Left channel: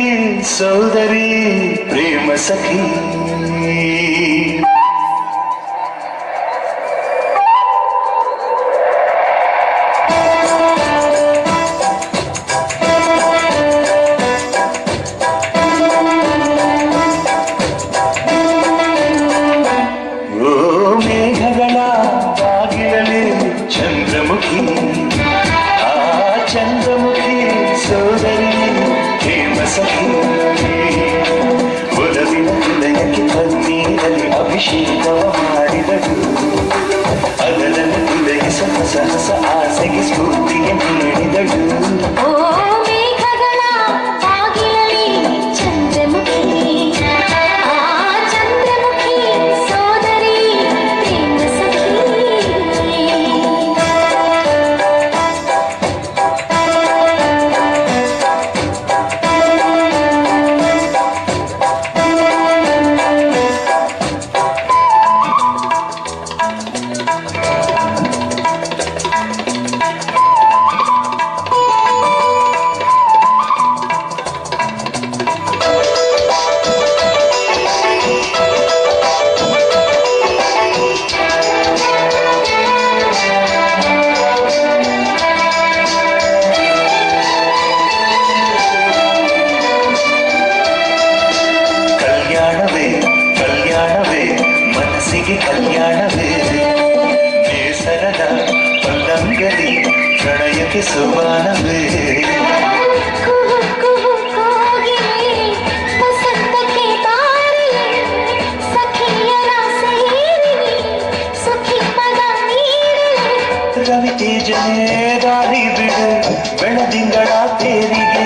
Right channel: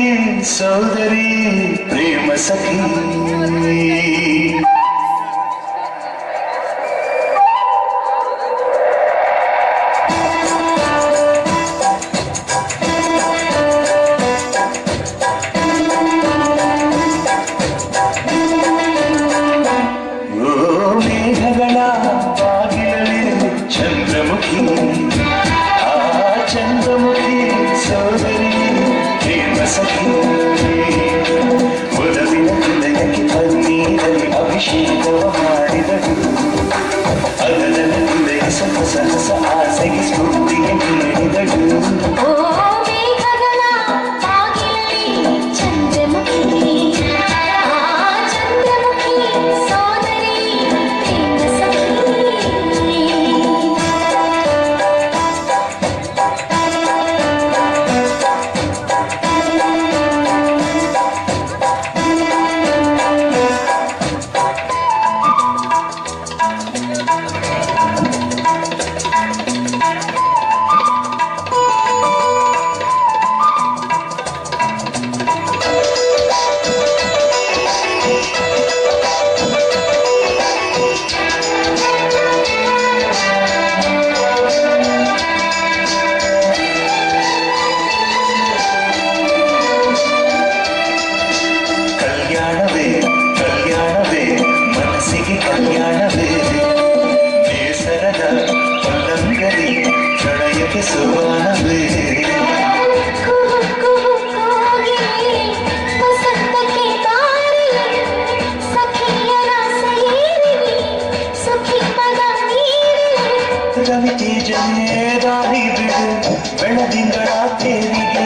అழகின் சோதரி பிரேம சகி ಚಂದ್ರಮುಖಿ के सुबह में ಜನ ಕೇಜನೆ ದಾರಿ ಬಿಡು ಬೆಳೆದಿಂಗಳ ತೇರಿಗೆ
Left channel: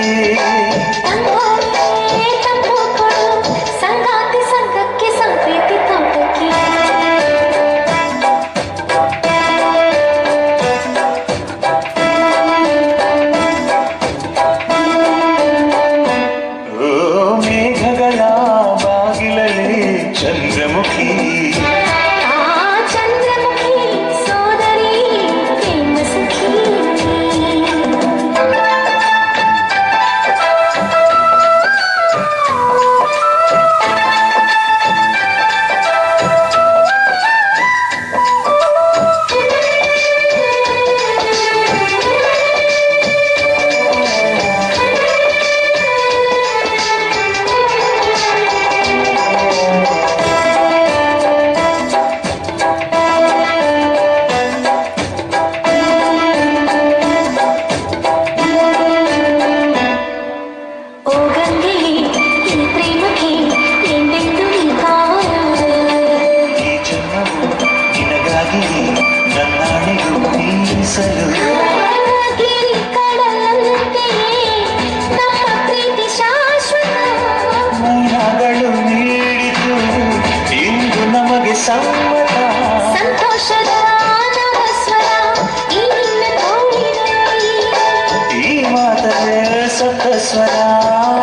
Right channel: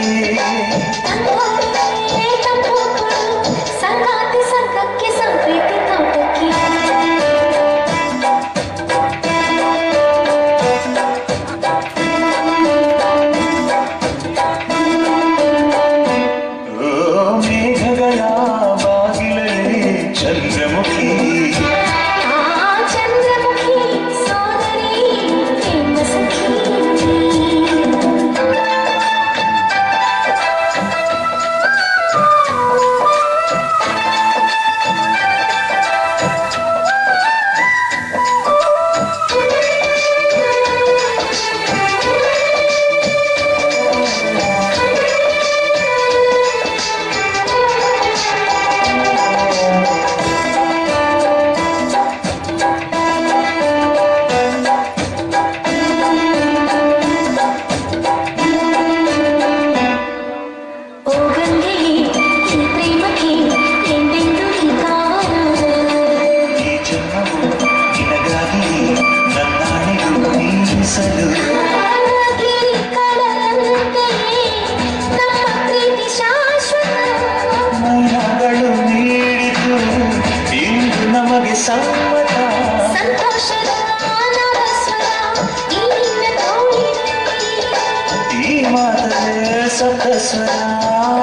ಸ್ವರ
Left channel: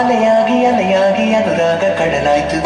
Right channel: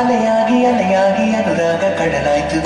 ಅಲೆಯಾಗಿ ಅಲೆಯಾಗಿ ಅನುರಾಗ ಕಡಲಾಯ್ತು.